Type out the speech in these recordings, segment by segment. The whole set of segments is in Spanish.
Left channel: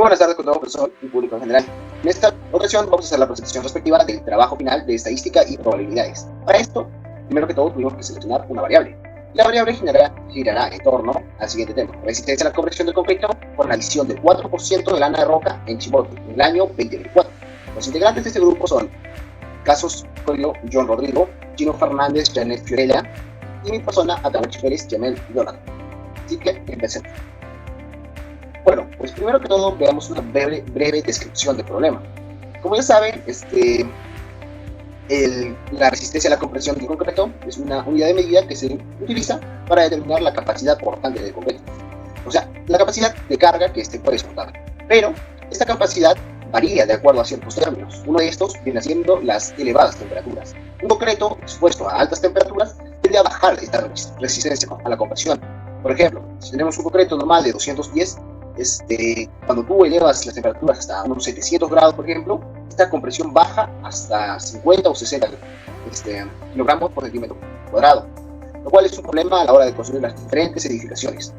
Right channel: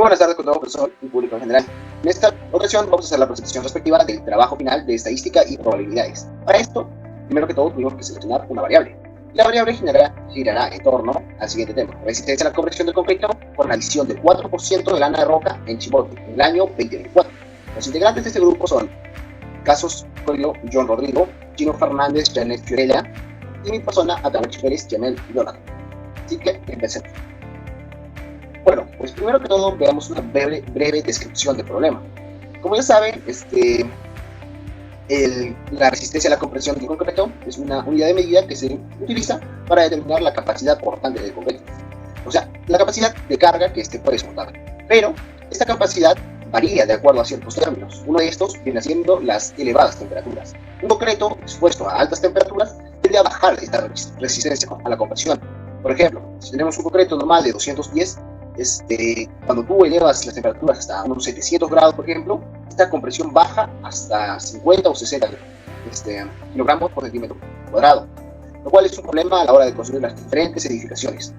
buenas tardes con todo profesor y público en general. En esta ocasión vamos a hacer la presentación respectiva del trabajo final de estadística y probabilidades. Para esto, primero que todo tuvimos que seleccionar una variable. La variable girará en torno al siguiente tema: resistencia a la corrección del concreto con la adición del 4% de lana de roca en Chimbote en el año 2024. Los integrantes de este grupo son Casos Correo, John Rodrigo, Chico Fernández, Janet Fiorella y mi persona, Atahualpa Pérez, Jamel Jonathan. Así que empecemos. Bueno, pues primero que todo veamos una breve descripción del problema. Como ya saben, la resistencia a la compresión del concreto es una unidad de medida que se utiliza para determinar la capacidad portante del concreto. O sea, la capacidad de carga que puede soportar. Pero esta capacidad varía de acuerdo a ciertos términos. Uno de estos viene siendo las elevadas temperaturas. Un concreto expuesto a altas temperaturas tiende a bajar esta resistencia a la compresión. Por ejemplo, si tenemos un concreto normal de 210, cuando tú elevas las temperaturas hasta unos 700 grados, por ejemplo, esta compresión baja hasta 50 o 60 kilogramos por centímetro cuadrado, lo cual es un problema a la hora de construir las diferentes edificaciones.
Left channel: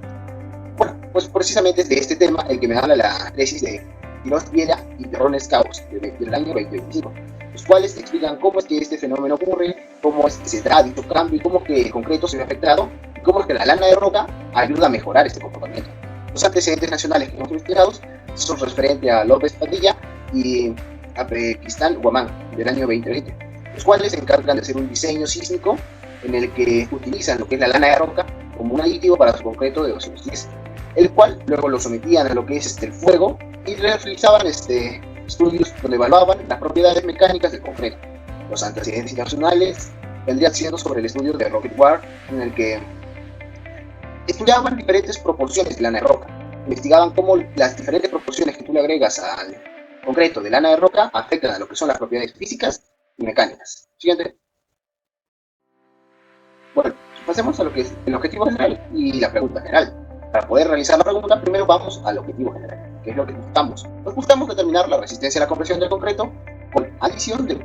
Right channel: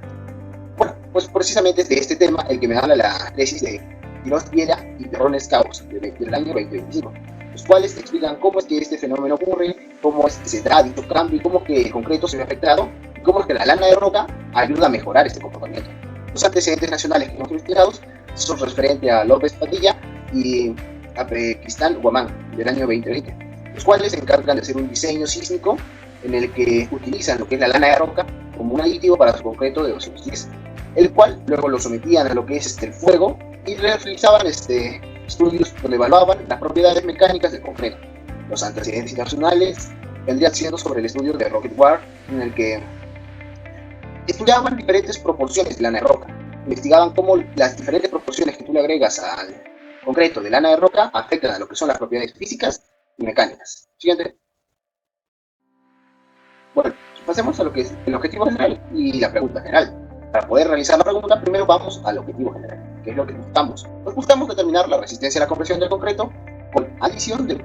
Bueno, pues precisamente de este tema el que me da la tesis de Quirós Viera y Terrones Cabos del año 2025, los cuales explican cómo es que este fenómeno ocurre, cómo es que se da este cambio y cómo que el concreto se ve afectado y cómo es que la lana de roca ayuda a mejorar este comportamiento. Los antecedentes nacionales que hemos investigado son referentes a López Padilla y a Cristán Guamán del año 2020, los cuales se encargan de hacer un diseño sísmico en el que utilizan lo que es la lana de roca como un aditivo para su concreto de 210, el cual luego lo sometían a lo que es el fuego y realizaban estudios donde evaluaban las propiedades mecánicas del concreto. Los antecedentes internacionales vendrían siendo sobre el estudio de Rocket War, en el que estudiaban diferentes proporciones de lana de roca, investigaban cómo las diferentes proporciones que tú le agregas al concreto de lana de roca afectan a lo que son las propiedades físicas y mecánicas. Siguiente. Bueno, pasemos a lo que es el objetivo general y la pregunta general. Para poder realizar la pregunta, primero vamos al objetivo general, que es lo que buscamos. Nos buscamos determinar la resistencia a la compresión del concreto con adición de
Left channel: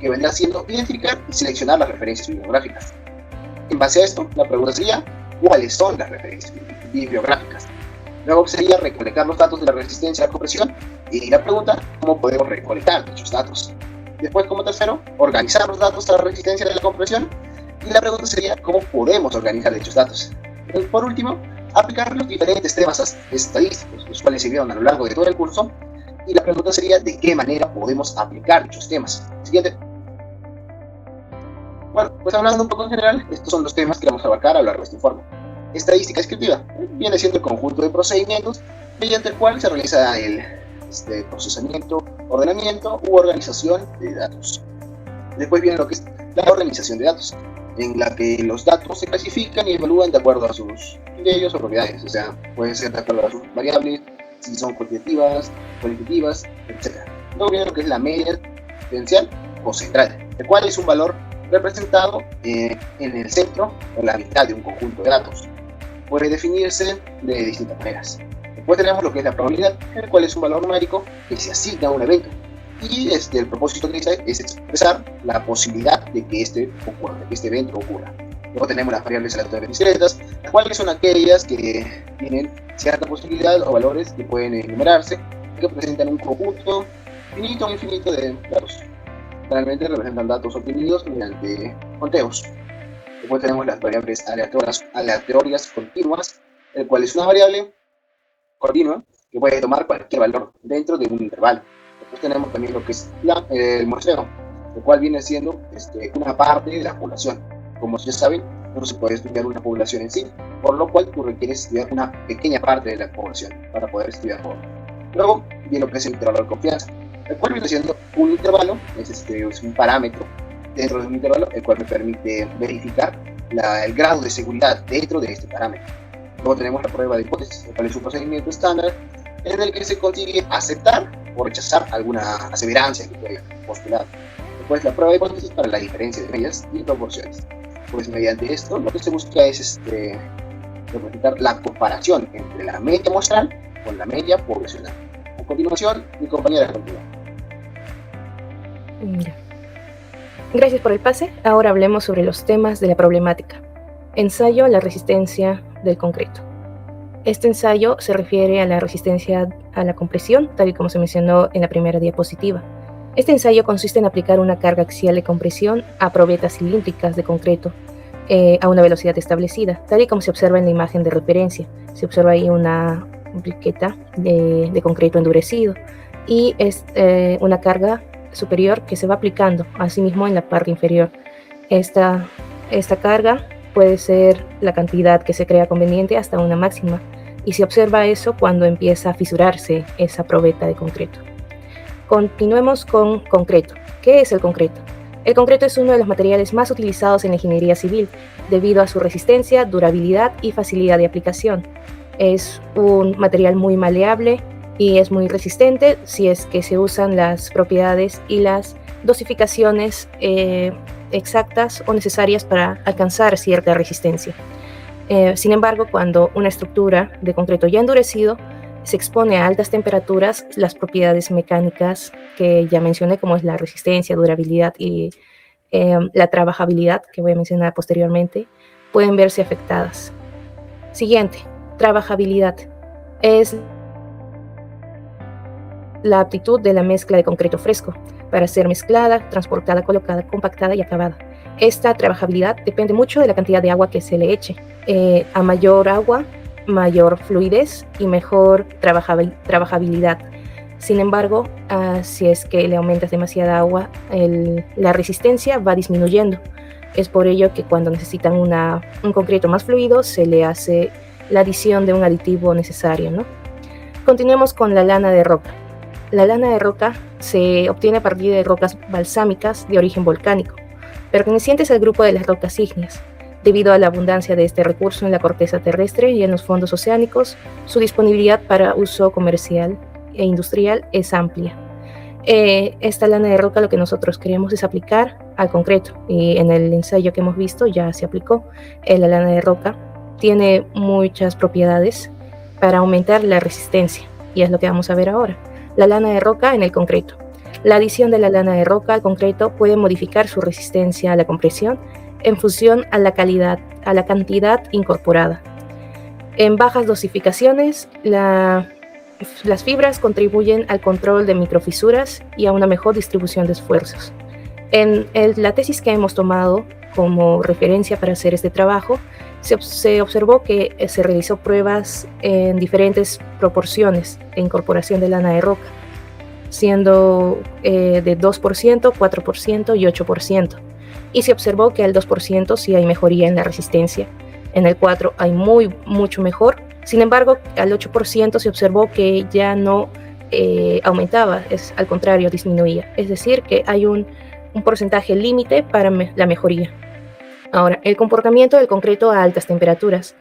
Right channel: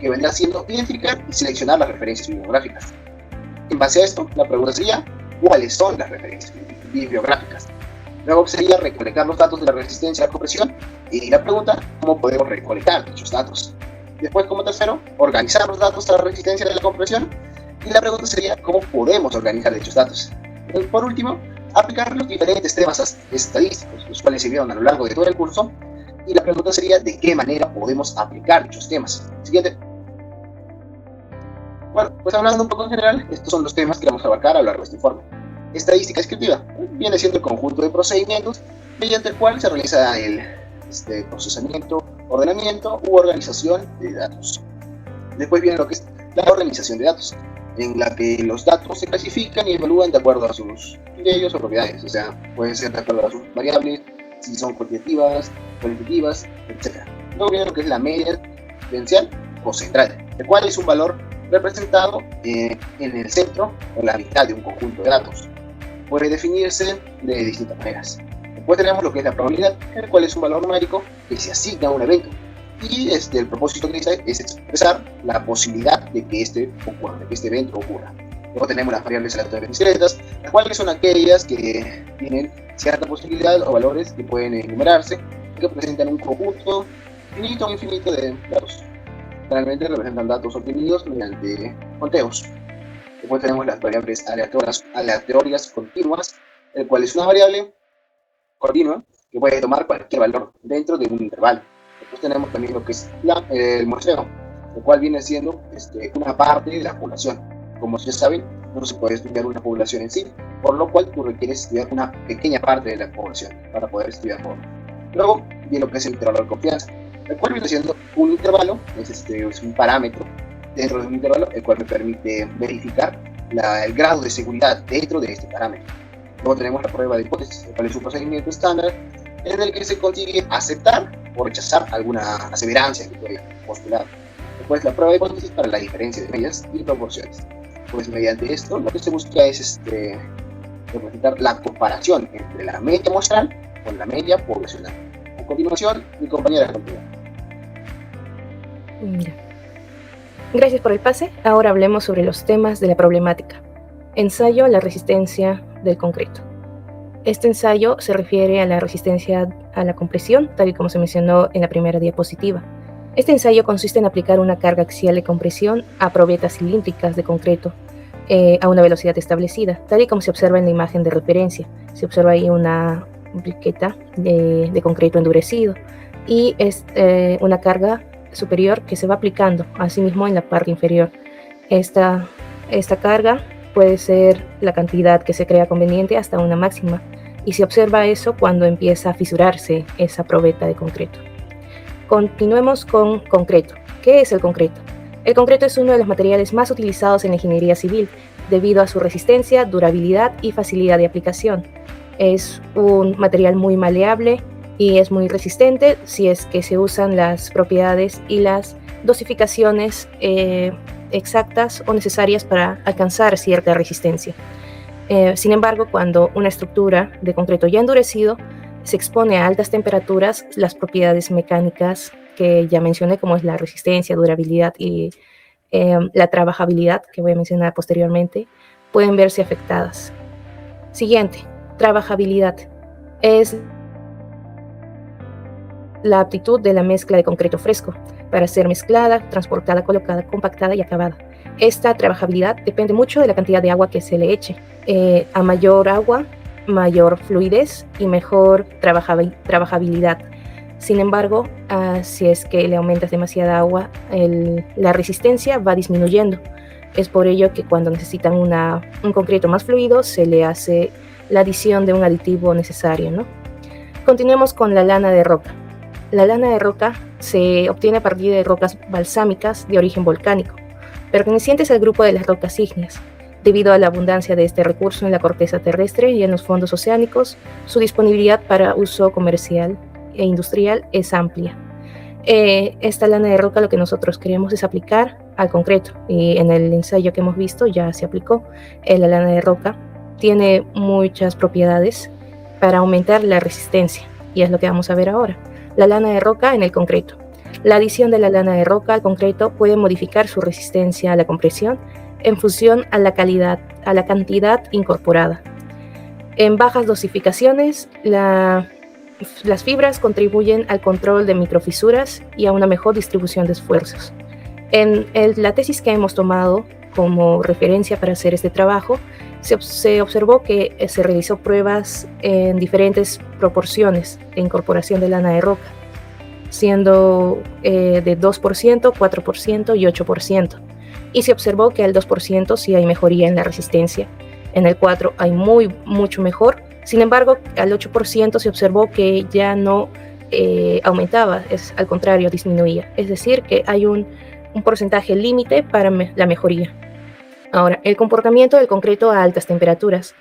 que vendría siendo seleccionar las referencias bibliográficas. En base a esto, la pregunta sería: ¿cuáles son las referencias bibliográficas? Luego sería recolectar los datos de la resistencia a la compresión y la pregunta: ¿cómo podemos recolectar dichos datos? Después, como tercero, organizar los datos de la resistencia de la compresión y la pregunta sería: ¿cómo podemos organizar dichos datos? Y por último, aplicar los diferentes temas estadísticos, los cuales se vieron a lo largo de todo el curso, y la pregunta sería: ¿de qué manera podemos aplicar dichos temas? Siguiente. Bueno, pues hablando un poco en general, estos son los temas que vamos a abarcar a lo largo de este informe. Estadística descriptiva viene siendo el conjunto de procedimientos mediante el cual se realiza el procesamiento, ordenamiento u organización de datos. Después viene lo que es la organización de datos, en la que los datos se clasifican y evalúan de acuerdo a sus criterios o propiedades, o sea, pueden ser de acuerdo a sus variables, si son cuantitativas, etc. Luego viene lo que es la media diferencial o central, el cual es un valor representado en el centro o la mitad de un conjunto de datos. Puede definirse de distintas maneras. Después tenemos lo que es la probabilidad, el cual es un valor numérico que se asigna a un evento. Y el propósito que dice es expresar la posibilidad de que este evento ocurra. Luego tenemos las variables aleatorias discretas, las cuales son aquellas que tienen cierta posibilidad o valores que pueden enumerarse y que presentan un conjunto finito o infinito de datos. Realmente representan datos obtenidos mediante conteos. Después tenemos las variables aleatorias continuas, el cual es una variable continua que puede tomar cualquier valor dentro de un intervalo. Después tenemos también lo que es el muestreo, el cual viene siendo una parte de la población. Como se sabe, no se puede estudiar una población en sí, por lo cual requiere estudiar una pequeña parte de la población para poder estudiarlo. Luego viene lo que es el intervalo de confianza, el cual viene siendo un intervalo, es un parámetro dentro de un intervalo, el cual me permite verificar el grado de seguridad dentro de este parámetro. Luego tenemos la prueba de hipótesis, el cual es un procedimiento estándar en el que se consigue aceptar o rechazar alguna aseverancia que puede postular. Después la prueba de hipótesis para la diferencia de medias y proporciones. Pues mediante esto lo que se busca es representar la comparación entre la media muestral con la media poblacional. continuación, mi compañera continúa. Gracias por el pase. Ahora hablemos sobre los temas de la problemática. Ensayo a la resistencia del concreto. Este ensayo se refiere a la resistencia a la compresión, tal y como se mencionó en la primera diapositiva. Este ensayo consiste en aplicar una carga axial de compresión a probetas cilíndricas de concreto a una velocidad establecida, tal y como se observa en la imagen de referencia. Se observa ahí una briqueta de concreto endurecido y es una carga superior que se va aplicando asimismo en la parte inferior. Esta carga puede ser la cantidad que se crea conveniente hasta una máxima, y se observa eso cuando empieza a fisurarse esa probeta de concreto. Continuemos con concreto. ¿Qué es el concreto? El concreto es uno de los materiales más utilizados en la ingeniería civil debido a su resistencia, durabilidad y facilidad de aplicación. Es un material muy maleable y es muy resistente si es que se usan las propiedades y las dosificaciones exactas o necesarias para alcanzar cierta resistencia. Sin embargo, cuando una estructura de concreto ya endurecido se expone a altas temperaturas, las propiedades mecánicas que ya mencioné, como es la resistencia, durabilidad y la trabajabilidad, que voy a mencionar posteriormente, pueden verse afectadas. Siguiente, trabajabilidad. Es la aptitud de la mezcla de concreto fresco para ser mezclada, transportada, colocada, compactada y acabada. Esta trabajabilidad depende mucho de la cantidad de agua que se le eche. A mayor agua, mayor fluidez y mejor trabajabilidad. Sin embargo, si es que le aumentas demasiada agua, la resistencia va disminuyendo. Es por ello que cuando necesitan un concreto más fluido, se le hace la adición de un aditivo necesario. Continuemos con la lana de roca. La lana de roca se obtiene a partir de rocas balsámicas de origen volcánico, pertenecientes al grupo de las rocas ígneas. Debido a la abundancia de este recurso en la corteza terrestre y en los fondos oceánicos, su disponibilidad para uso comercial e industrial es amplia. Esta lana de roca lo que nosotros queremos es aplicar al concreto, y en el ensayo que hemos visto ya se aplicó. La lana de roca tiene muchas propiedades para aumentar la resistencia, y es lo que vamos a ver ahora. La lana de roca en el concreto. La adición de la lana de roca al concreto puede modificar su resistencia a la compresión en función a la cantidad incorporada. En bajas dosificaciones, las fibras contribuyen al control de microfisuras y a una mejor distribución de esfuerzos. En la tesis que hemos tomado como referencia para hacer este trabajo, se observó que se realizó pruebas en diferentes proporciones de incorporación de lana de roca, siendo de 2%, 4% y 8%. Y se observó que al 2% sí hay mejoría en la resistencia, en el 4% hay mucho mejor. Sin embargo, al 8% se observó que ya no aumentaba, al contrario, disminuía. Es decir, que hay un porcentaje límite para la mejoría. Ahora, el comportamiento del concreto a altas temperaturas.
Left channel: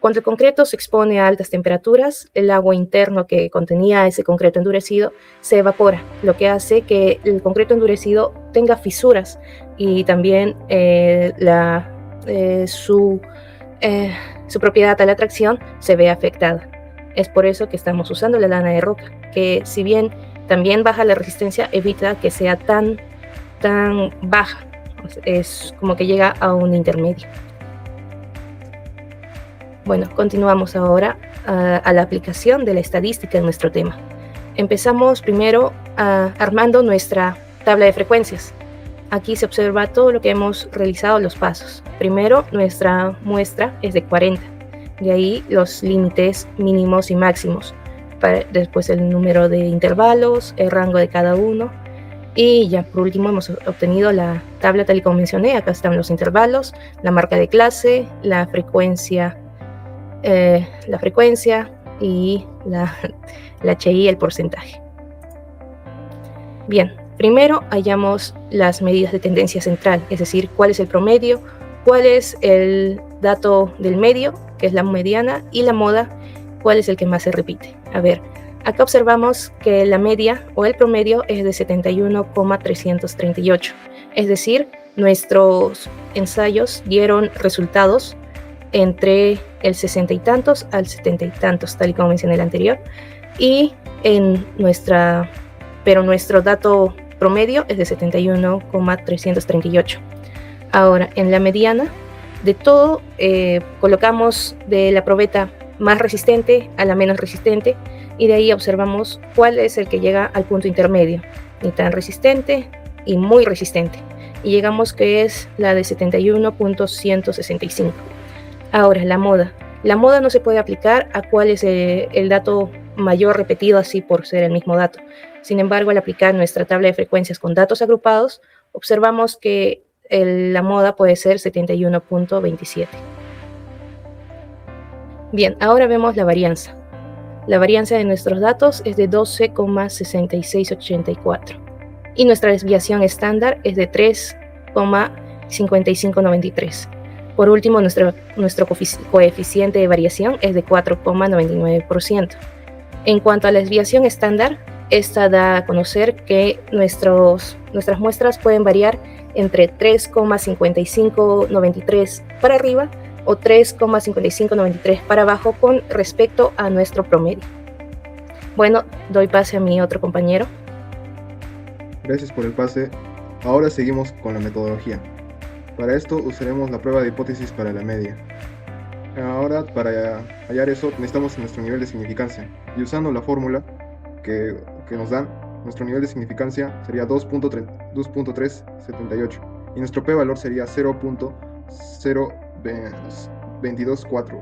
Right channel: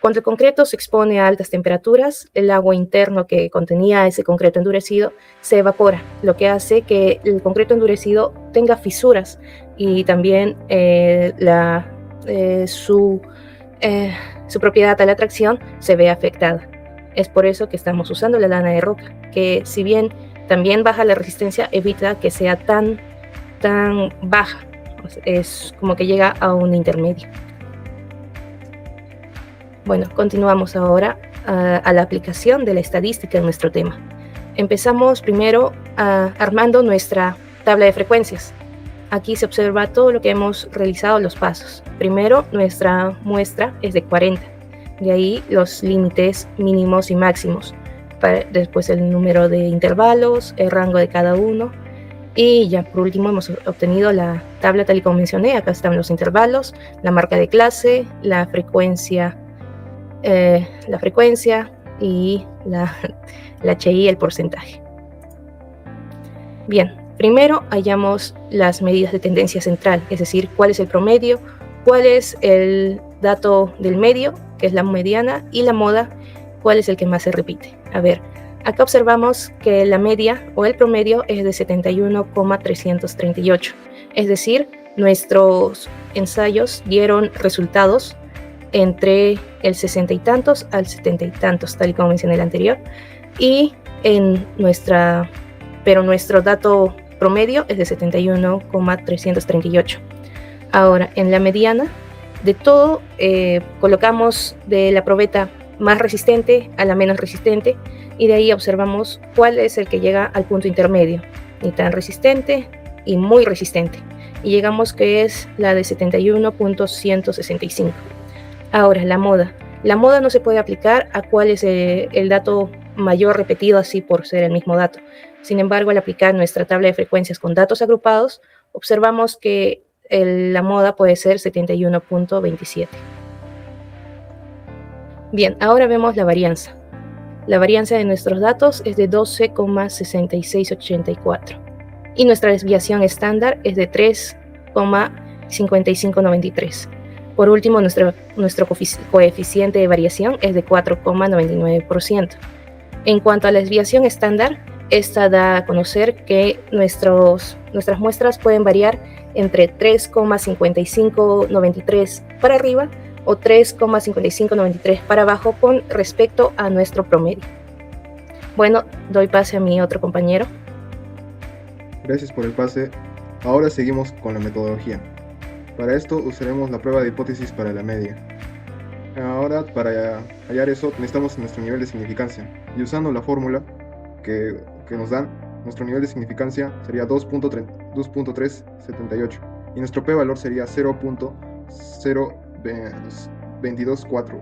Cuando el concreto se expone a altas temperaturas, el agua interno que contenía ese concreto endurecido se evapora, lo que hace que el concreto endurecido tenga fisuras y también su propiedad a la tracción se ve afectada. Es por eso que estamos usando la lana de roca, que si bien también baja la resistencia, evita que sea tan baja. Es como que llega a un intermedio. Bueno, continuamos ahora a la aplicación de la estadística en nuestro tema. Empezamos primero armando nuestra tabla de frecuencias. Aquí se observa todo lo que hemos realizado, los pasos. Primero, nuestra muestra es de 40. De ahí los límites mínimos y máximos. Después el número de intervalos, el rango de cada uno. Y ya por último hemos obtenido la tabla tal y como mencioné. Acá están los intervalos, la marca de clase, la frecuencia y HI, el porcentaje. Bien, primero hallamos las medidas de tendencia central, es decir, cuál es el promedio, cuál es el dato del medio, que es la mediana, y la moda, cuál es el que más se repite. A ver, acá observamos que la media o el promedio es de 71,338, es decir, nuestros ensayos dieron resultados entre el 60 y tantos al 70 y tantos, tal y como mencioné el anterior. y pero nuestro dato promedio es de 71,338. Ahora, en la mediana de todo, colocamos de la probeta más resistente a la menos resistente y de ahí observamos cuál es el que llega al punto intermedio, ni tan resistente y muy resistente. Y llegamos que es la de 71.165. Ahora, la moda. La moda no se puede aplicar a cuál es el dato mayor repetido así por ser el mismo dato. Sin embargo, al aplicar nuestra tabla de frecuencias con datos agrupados, observamos que la moda puede ser 71.27. Bien, ahora vemos la varianza. La varianza de nuestros datos es de 12,6684 y nuestra desviación estándar es de 3,5593. Por último, nuestro coeficiente de variación es de 4,99%. En cuanto a la desviación estándar, esta da a conocer que nuestras muestras pueden variar entre 3,5593 para arriba o 3,5593 para abajo con respecto a nuestro promedio. Bueno, doy pase a mi otro compañero. Gracias por el pase. Ahora seguimos con la metodología. Para esto usaremos la prueba de hipótesis para la media. Ahora, para hallar eso, necesitamos nuestro nivel de significancia. Y usando la fórmula que nos dan, nuestro nivel de significancia sería 2.378 y nuestro p-valor sería 0.0224.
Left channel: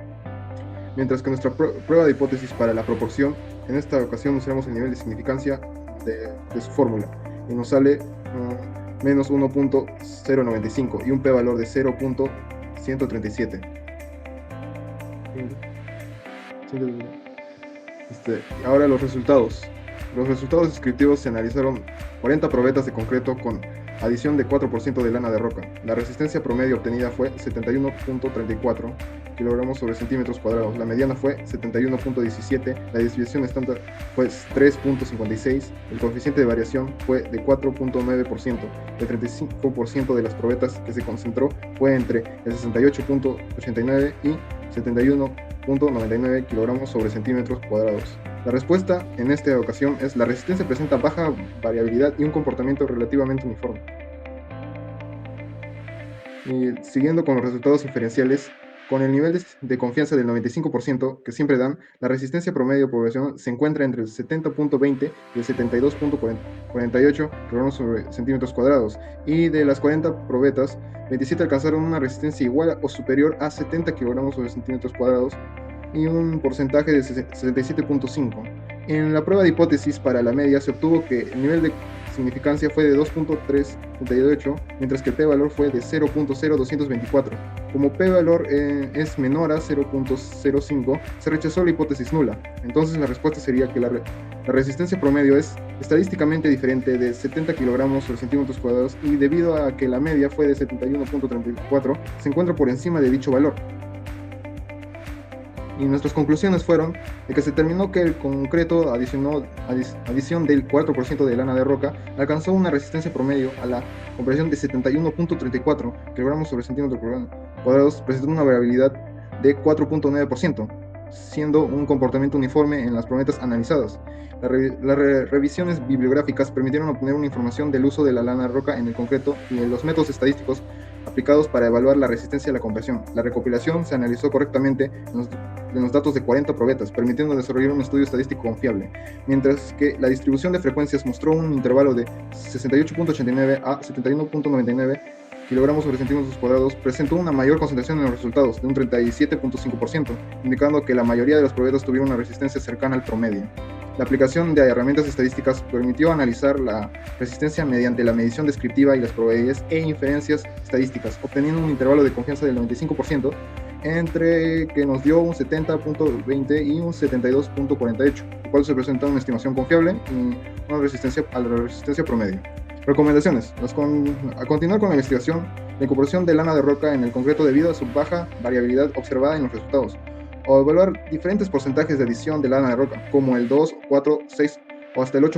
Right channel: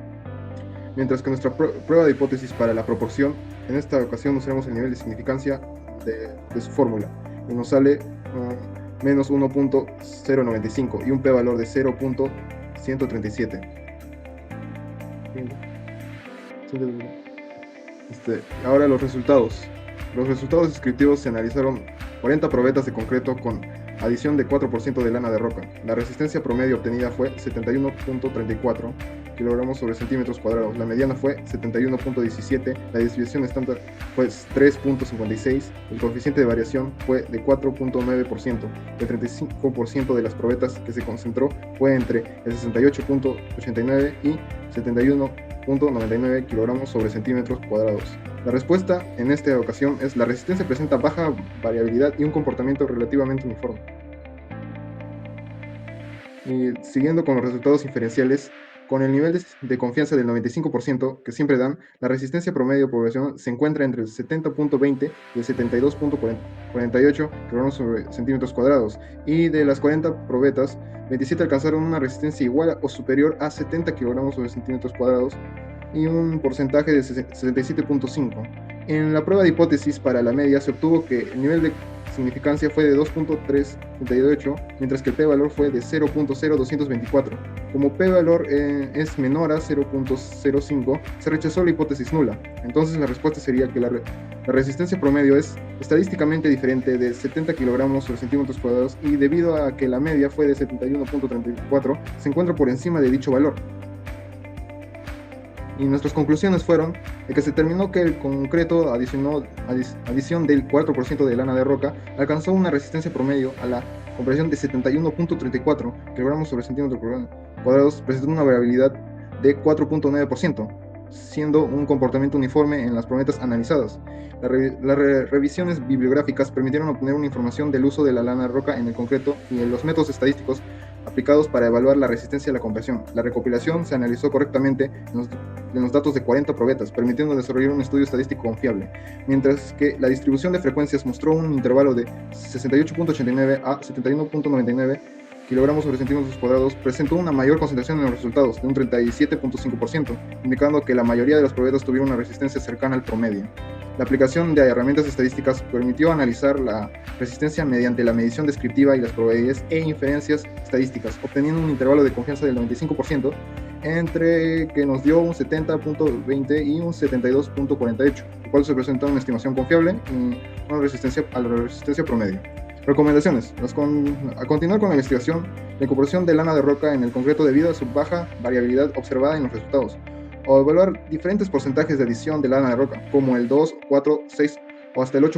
Mientras que nuestra prueba de hipótesis para la proporción, en esta ocasión usaremos el nivel de significancia de su fórmula y nos sale menos 1.095 y un p-valor de 0.137. Ahora los resultados. Los resultados descriptivos se analizaron 40 probetas de concreto con adición de 4% de lana de roca. La resistencia promedio obtenida fue 71.34 kilogramos sobre centímetros cuadrados. La mediana fue 71.17. La desviación estándar fue 3.56. El coeficiente de variación fue de 4.9%. El 35% de las probetas que se concentró fue entre el 68.89 y 71.99 kilogramos sobre centímetros cuadrados. La respuesta en esta ocasión es: la resistencia presenta baja variabilidad y un comportamiento relativamente uniforme. Y siguiendo con los resultados inferenciales, con el nivel de confianza del 95% que siempre dan, la resistencia promedio poblacional se encuentra entre el 70.20 y el 72.48 kilogramos sobre centímetros cuadrados, y de las 40 probetas, 27 alcanzaron una resistencia igual o superior a 70 kilogramos sobre centímetros cuadrados y un porcentaje de 67.5. En la prueba de hipótesis para la media se obtuvo que el nivel de significancia fue de 2.378, mientras que el p-valor fue de 0.0224. Como p-valor es menor a 0.05, se rechazó la hipótesis nula. Entonces la respuesta sería que la resistencia promedio es estadísticamente diferente de 70 kilogramos por centímetros cuadrados, y debido a que la media fue de 71.34, se encuentra por encima de dicho valor. Y nuestras conclusiones fueron de que se determinó que el concreto adición del 4% de lana de roca alcanzó una resistencia promedio a la compresión de 71.34 kilogramos sobre centímetro cuadrados, presentando una variabilidad de 4.9%, siendo un comportamiento uniforme en las probetas analizadas. Las revisiones bibliográficas permitieron obtener una información del uso de la lana de roca en el concreto y de los métodos estadísticos aplicados para evaluar la resistencia a la compresión. La recopilación se analizó correctamente en los datos de 40 probetas, permitiendo desarrollar un estudio estadístico confiable, mientras que la distribución de frecuencias mostró un intervalo de 68.89 a 71.99 kilogramos sobre centímetros cuadrados, presentó una mayor concentración en los resultados, de un 37.5%, indicando que la mayoría de las probetas tuvieron una resistencia cercana al promedio. La aplicación de herramientas estadísticas permitió analizar la resistencia mediante la medición descriptiva y las probabilidades e inferencias estadísticas, obteniendo un intervalo de confianza del 95%, entre que nos dio un 70.20 y un 72.48, cual se presenta una estimación confiable con resistencia a la resistencia promedio. Recomendaciones: a continuar con la investigación de compresión de lana de roca en el concreto debido a su baja variabilidad observada en los resultados, o evaluar diferentes porcentajes de adición de lana de roca, como el 2, 4, 6 o hasta el 8%,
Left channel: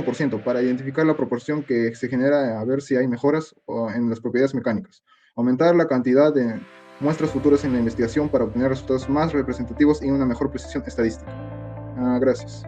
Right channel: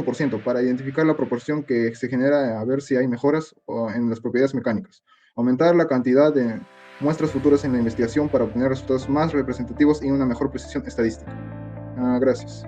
para identificar la proporción que se genera, a ver si hay mejoras en las propiedades mecánicas. Aumentar la cantidad de muestras futuras en la investigación para obtener resultados más representativos y una mejor precisión estadística. Gracias.